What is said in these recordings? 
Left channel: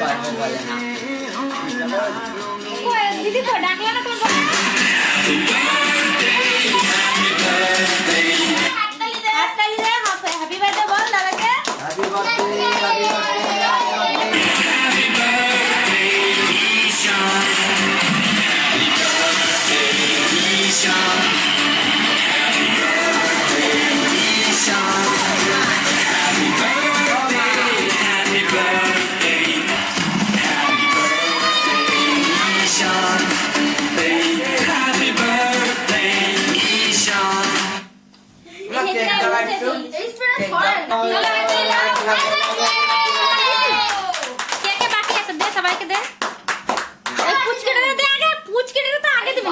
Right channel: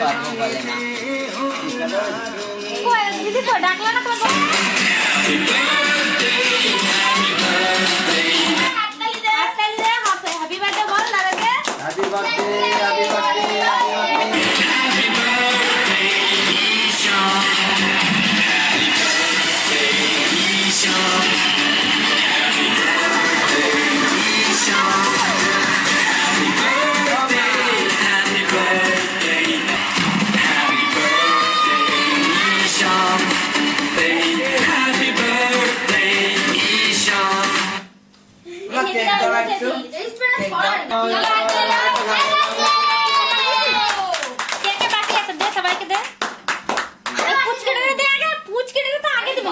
পারবো বলে না। দিদি তো ডাকলো না কেন? হ্যাপি বার্থডে বল দাদাকে। হ্যাপি বার্থডে, হ্যাপি বার্থডে, সবাইকে দে। পুচকে দে আগে, পুচকে তো আগে দিবি।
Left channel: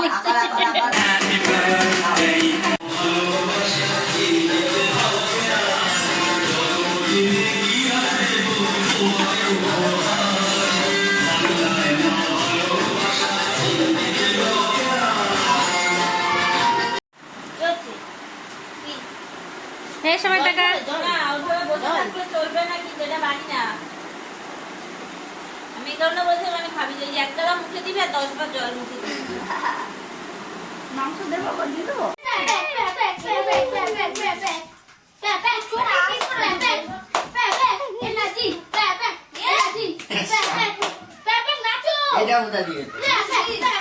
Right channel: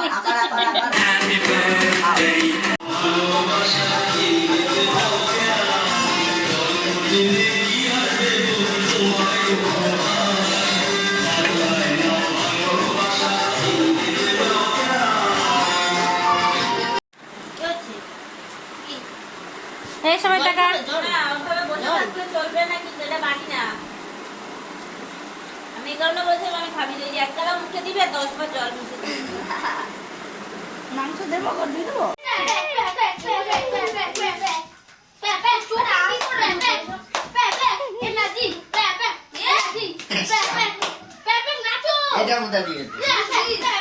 এই সবাই টাকা চলবে নাকি যেটা বাড়ি না আমি কারণে বলছি আমি খাবি যে 1 টাকা মুখে দিবে 10 বার জল মুখে দিবে মাংস দেবো আবার দিয়ে দেবো। এটা কোথা দিয়েছে?